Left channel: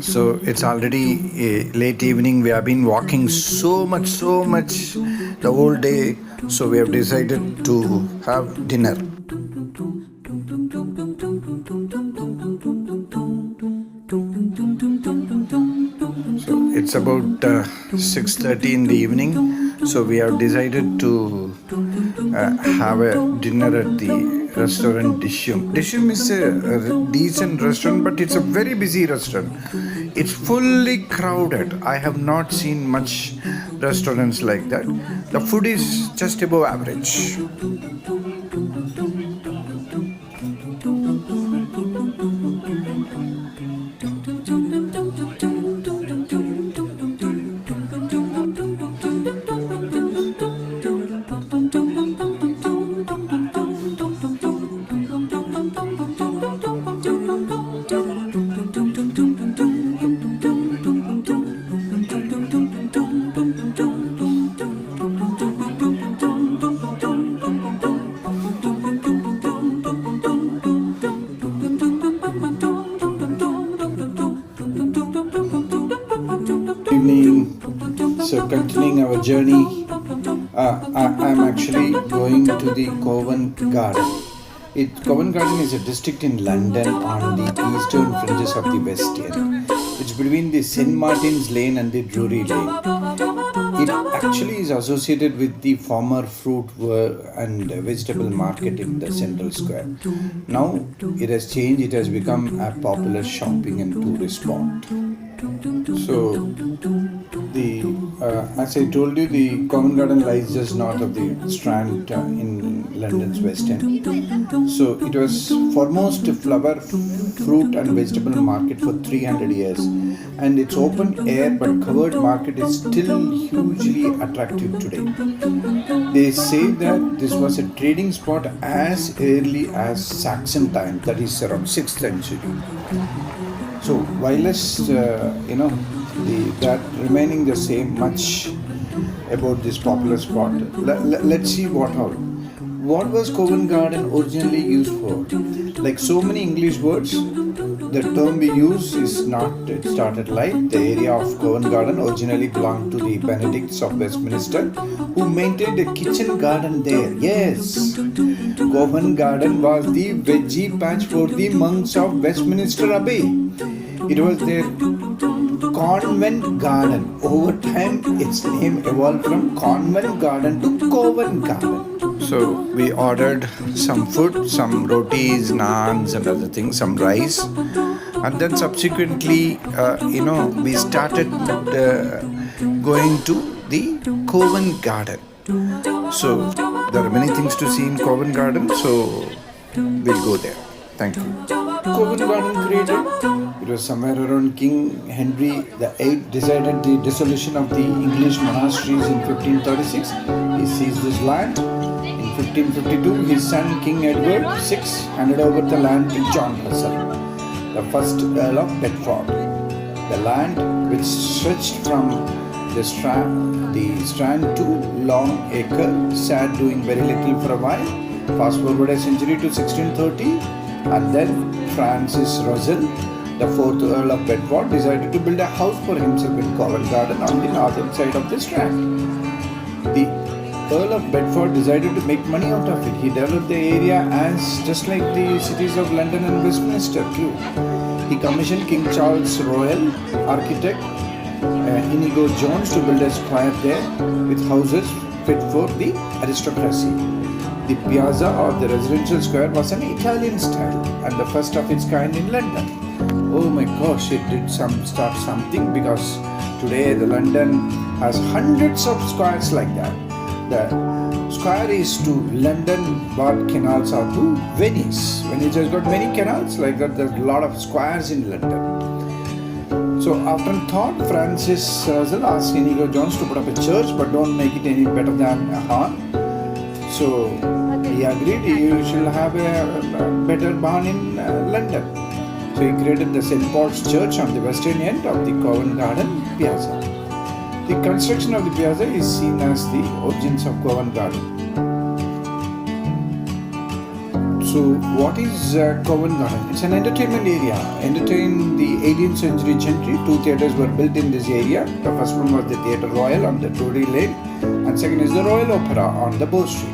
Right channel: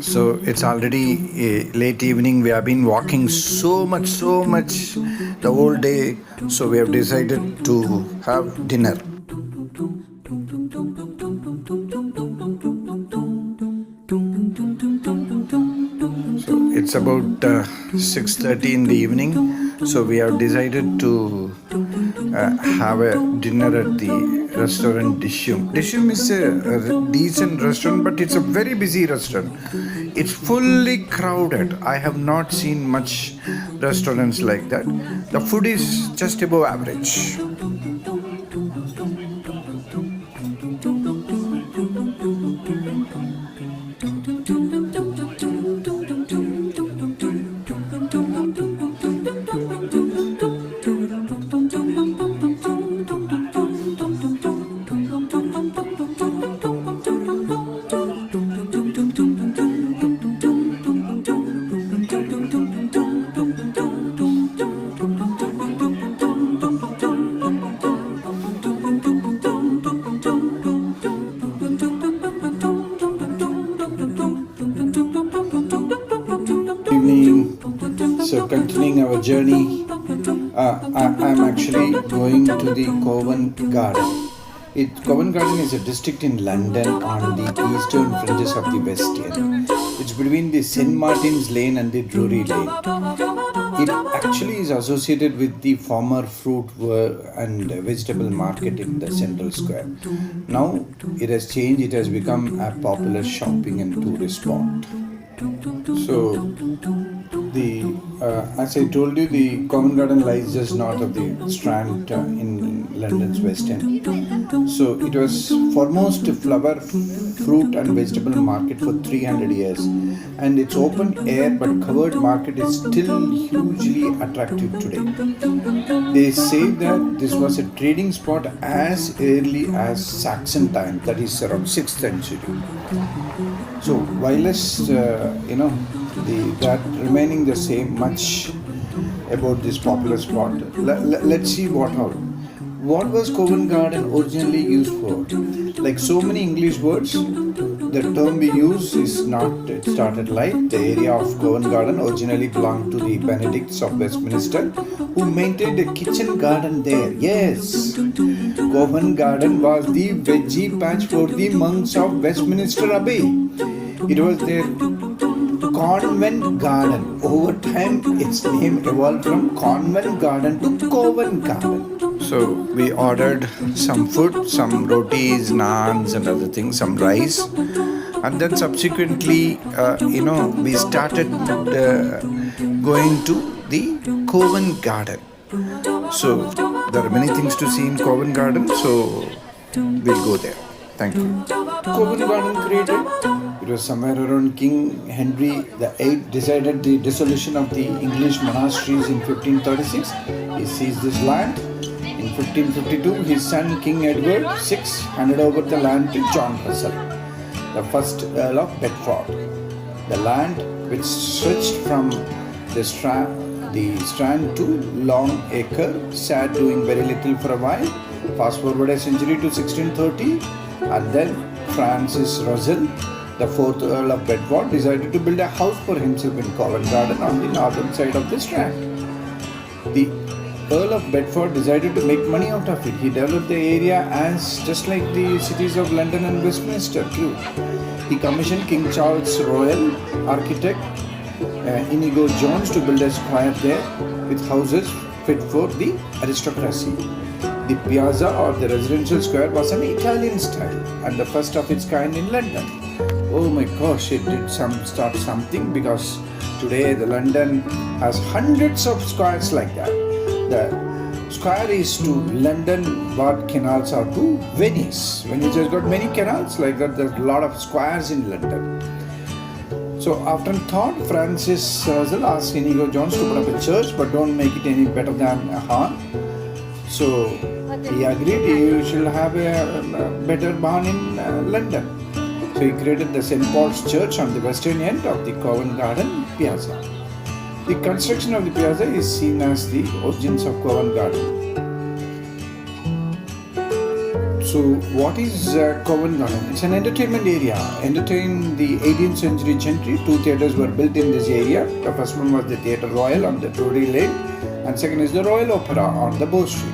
So it's already late evening. We have been walking so much the whole day. So we have decided to have dinner. So it's about 6:30 in the evening. So we have decided to have a dinner at the restaurant Dishum. Dishum is a decent restaurant, but it's a very busy restaurant. It's fully crowded. I have not seen much restaurants like that. The food is just above average. Evening. So continuing our journey, I'm actually going to the Covent Garden. Covent Garden is a district in London on the eastern fringes of the West End. It's between the St. Martin's Lane and the Drury Lane. It actually is associated with the former fruit and vegetable market in the central square. Now it has changed, it has become a popular shopping and tourist spot. So, as I told you, the Covent Garden lies just north of the Strand in London's West End. So, it was foremost flower, fruit and vegetable market for 300 years. And its open air but covered market is still hugely attractive today. They say that this was a trading spot as early as Saxon time, that is around 6th century. So, wireless, that remaining the same much about this popular spot. Let's see what all. What was Covent Garden originally used for? Like so many English words, the term we use is not, it started like the area of Covent Garden originally belonged to the Benedicts of Westminster, who maintained a kitchen garden there. Yes, Covent Garden was the veggie patch for the monks of Westminster Abbey. It was their convent garden. Over time, its name evolved from Convent Garden to Covent Garden. So we ordered some food, some rotis, naans and other things, some rice. And then subsequently, we started going to the Covent Garden. So there are many things to see in Covent Garden, so we'll go there. Thank you. Covent Garden created, it was somewhere around King Henry VIII decided the dissolution of the English monasteries in 1536. He seized this land. In 1552, his son King Edward VI handed over the land to John Russell, the first Earl of Bedford. The land, which stretched from the Strand to Long Acre, sat doing very little for a while. Fast forward a century to 1630, and then Francis Russell, the fourth Earl of Bedford, decided to build a house for himself in Covent Garden on the northern side of the Strand. The Earl of Bedford decided to make money out of it. He developed the area as just like the cities of London and Westminster too. He commissioned King Charles Royal architect Inigo Jones to build a square there with houses fit for the aristocracy. The piazza or the residential square was an Italian style and the first of its kind in London. Oh my gosh, it did start something, because today the London has hundreds of squares like that. The square is to London what canals are to Venice. Venice has got many canals like that. There's a lot of squares in London. So after thought, Francis Russell asked Inigo Jones to put up a church, but don't make it any better than a barn. So he agreed he should have a better barn in London. So he created the St. Paul's Church on the western end of the Covent Garden Piazza. The construction of the piazza is seen as the origins of Covent Garden. So, what is Covent Garden? It's an entertainment area. Entertained the 18th century gentry. Two theatres were built in this area. The first one was the Theatre Royal on the Drury Lane, and second is the Royal Opera on the Bow Street.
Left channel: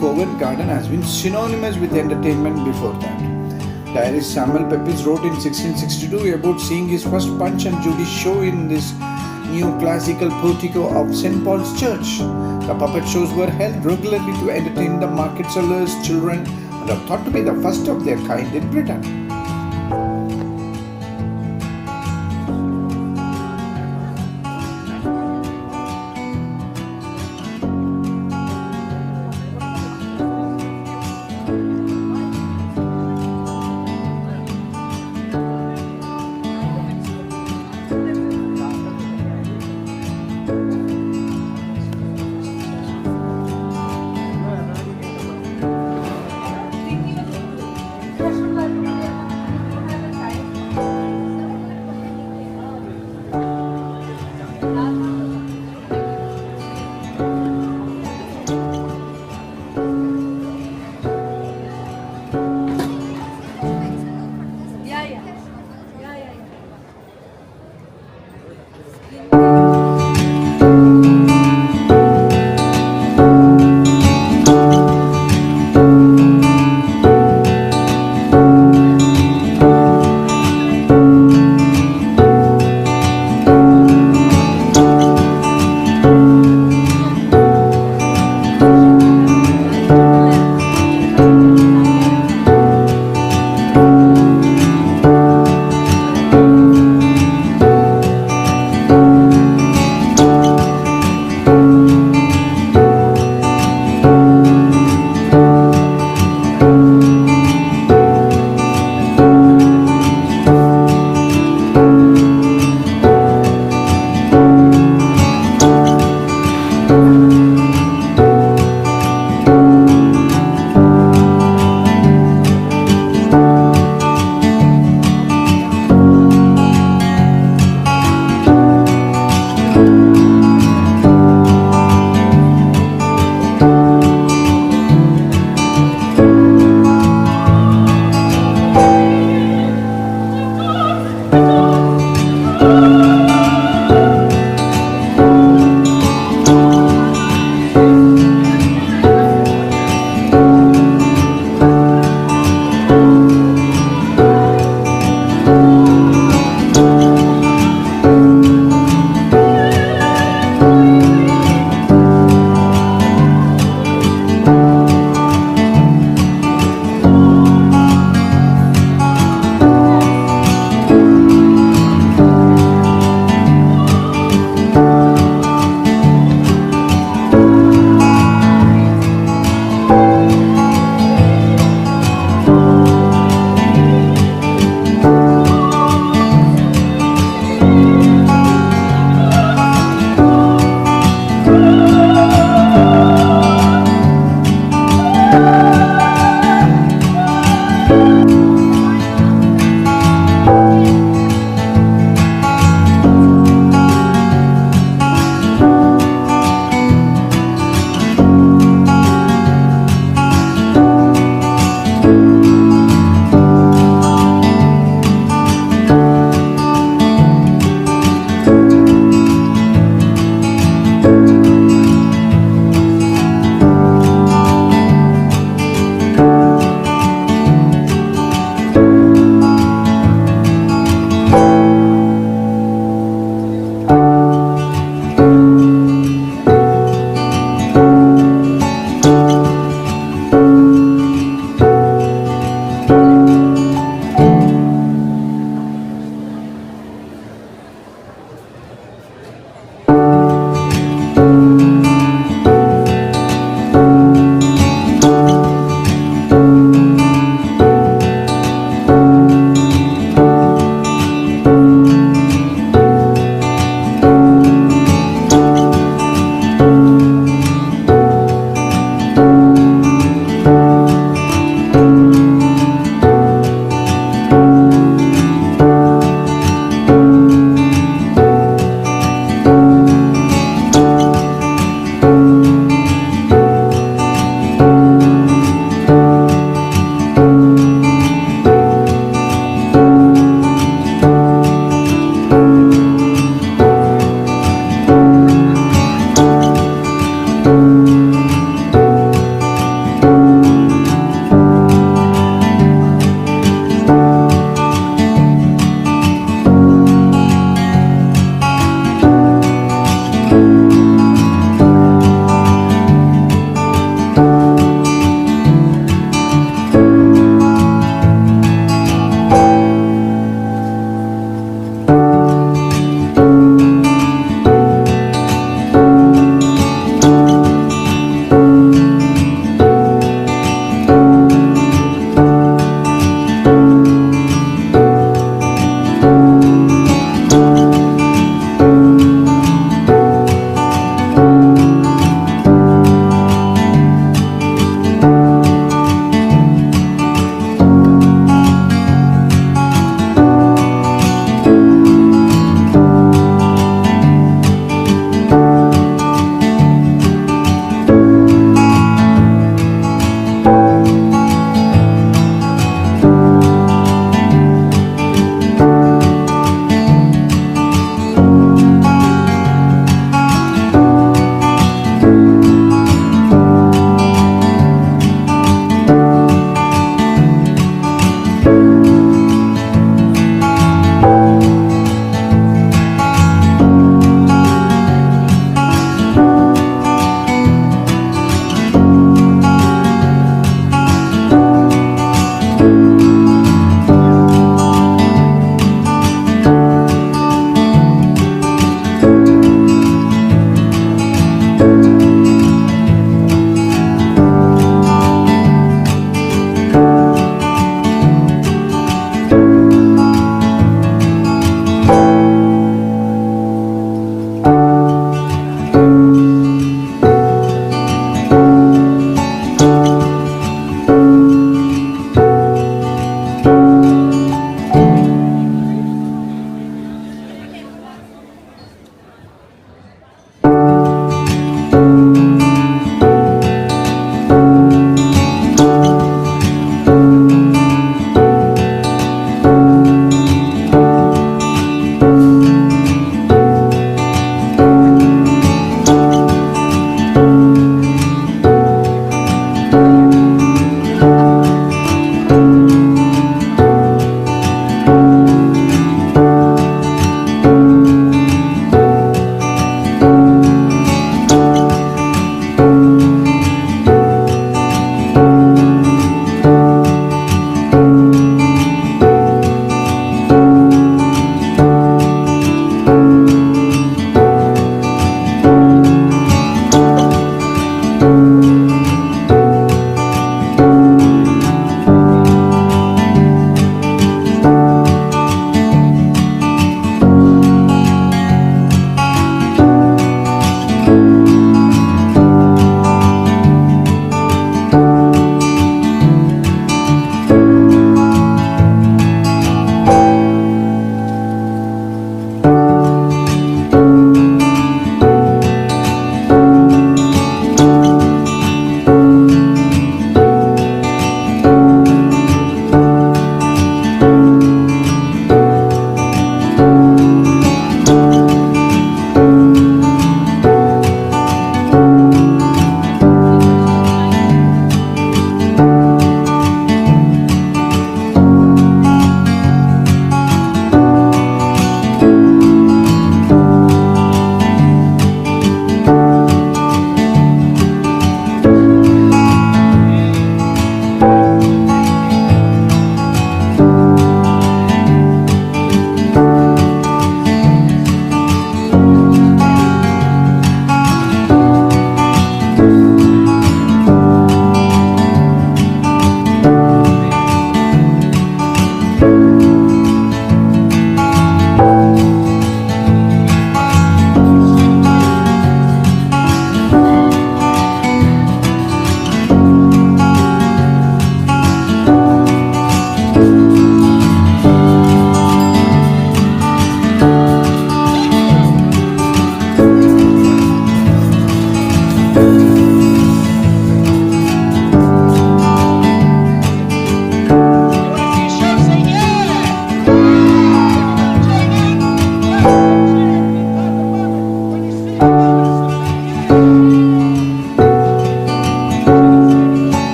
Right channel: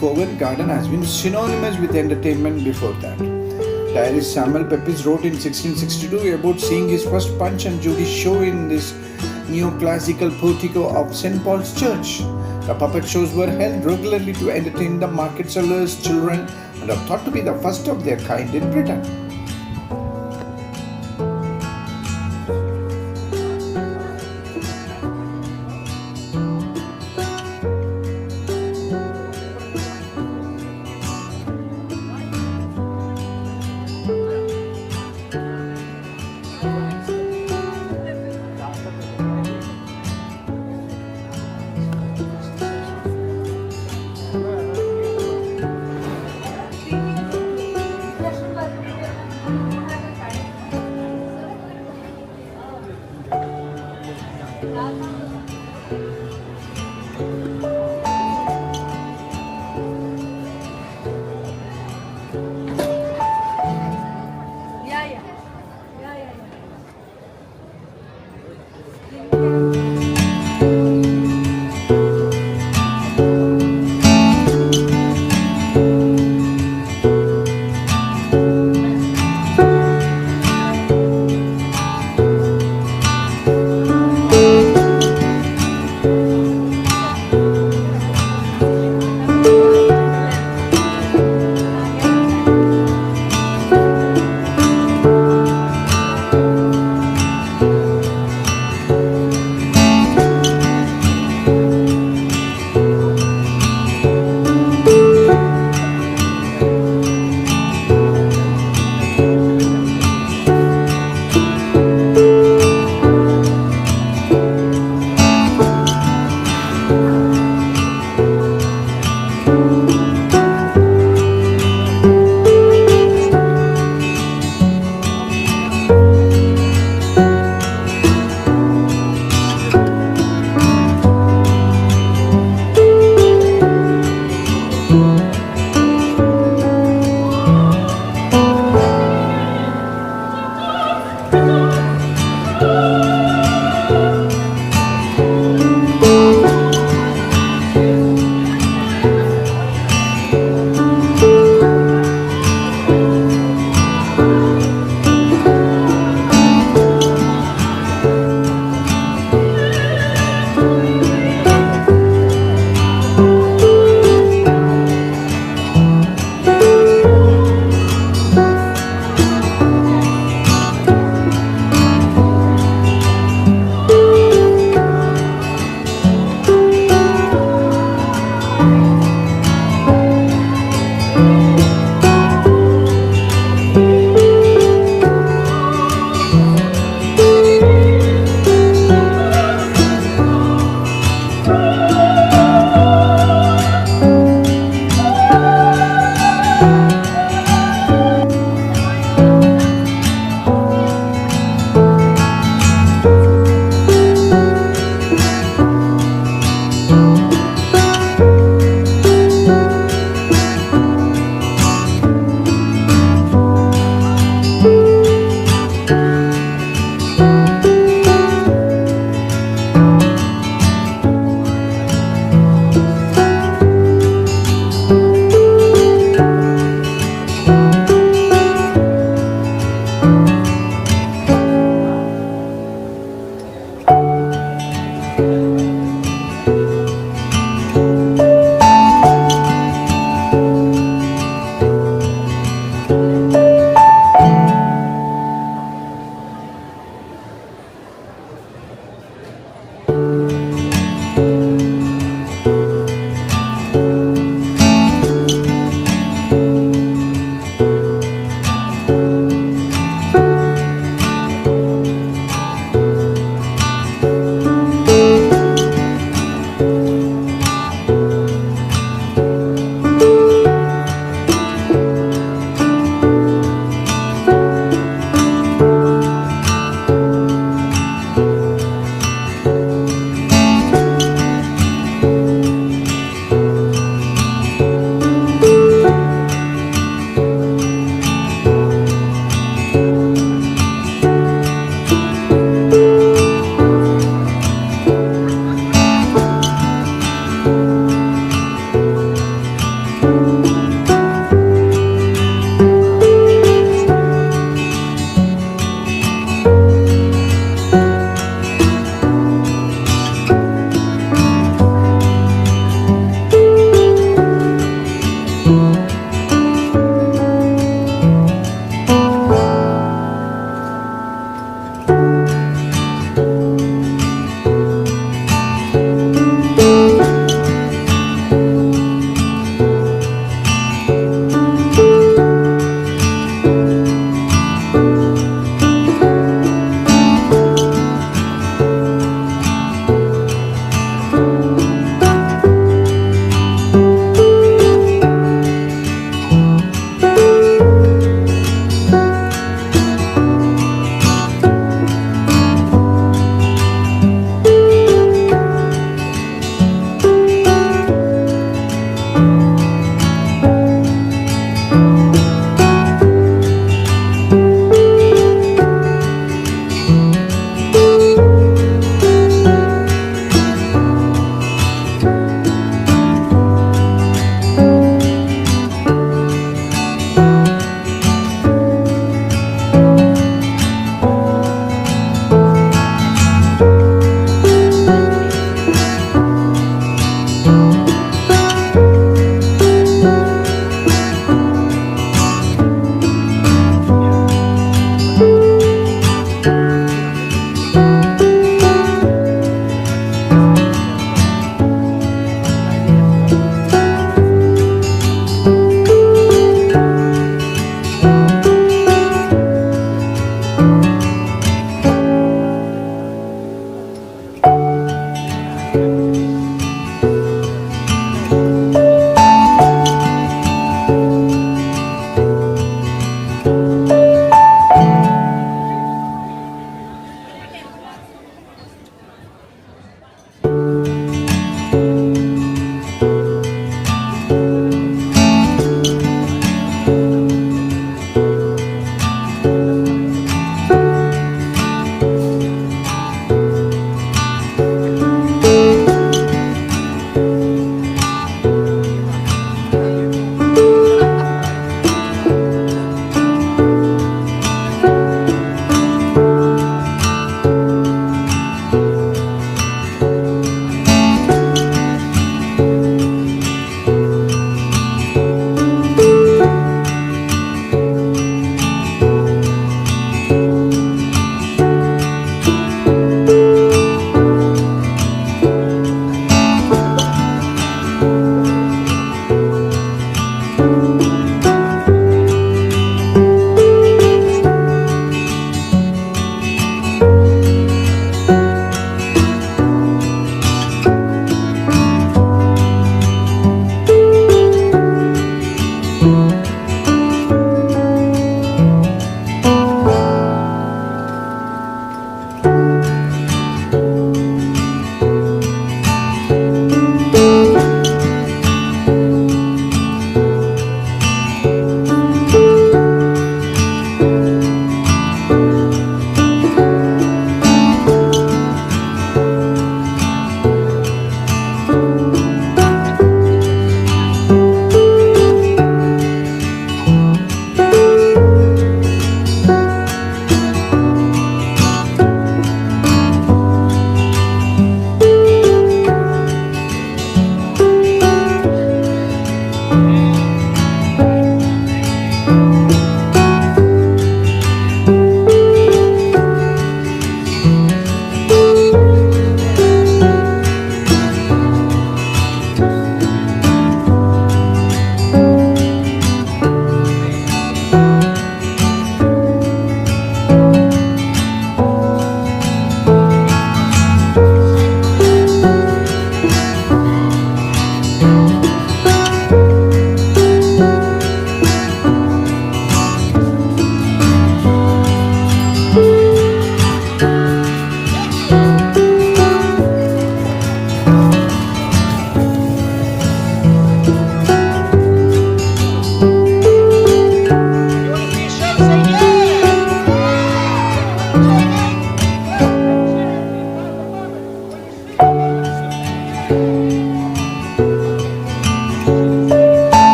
Covent Garden has been synonymous with entertainment before that. Diarist Samuel Pepys wrote in 1662 about seeing his first Punch and Judy show in this neoclassical portico of St. Paul's Church. The puppet shows were held regularly to entertain the market sellers, children, and are thought to be the first of their kind in Britain.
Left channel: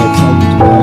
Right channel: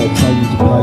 excited to go